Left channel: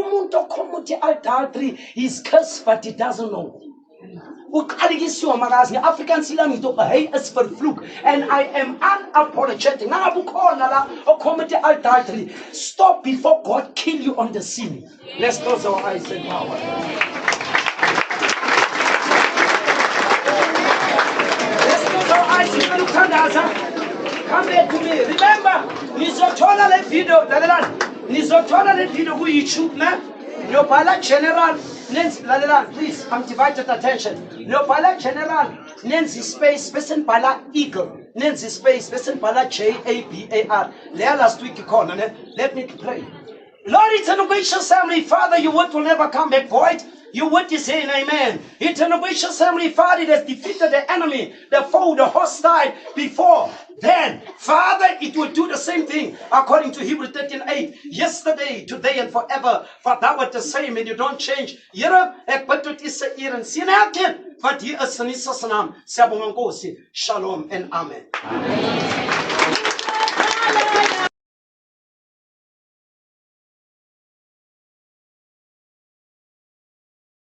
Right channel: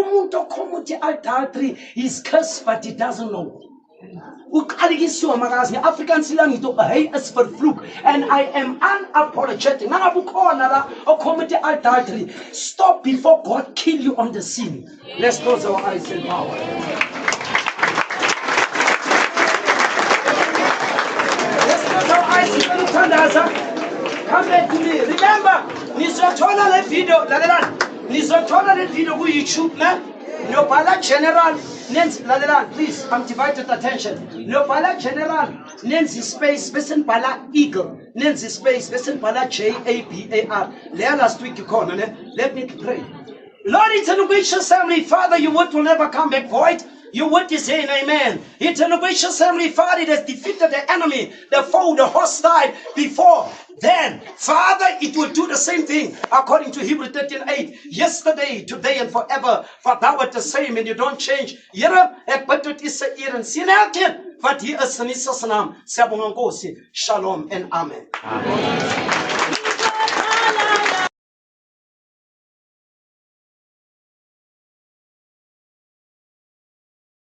umuntu ocommit adultery is cursed but he doesn't know. Uqalekisiwe makazi nge-African silang ngithi hey is vervloek, and I am unapologetic. Nangabe ukhona la ocommit adultery, stop before God kill you on the sin. Let's close our eyes and power. Let's close our eyes and uthandaza. Come back to me. Remember, nizothola le video, lalelani. Nizothola le video ku YouTube na. Nobala general, Nancy Lalelan, please, I'm divided attention. Nobala general, Nancy space, Bessen Bala Eagle, Nancy space, Bessen Bala JABAR. Last week you called, let me pray. Lord, eternal gracious Heavenly Father, your word will never come back void. Your word is saying amen. Eternal gracious Heavenly Father, it has defeated the enemy, the foe, the hostile before. Then, Father, it will do the same thing according to Hebrews 13:8. Yesterday, today, and forever. For thou art the same and you don't change. Here, ekbetut is a ear and sin again. But here is an naam. Shalom and amen. Amen.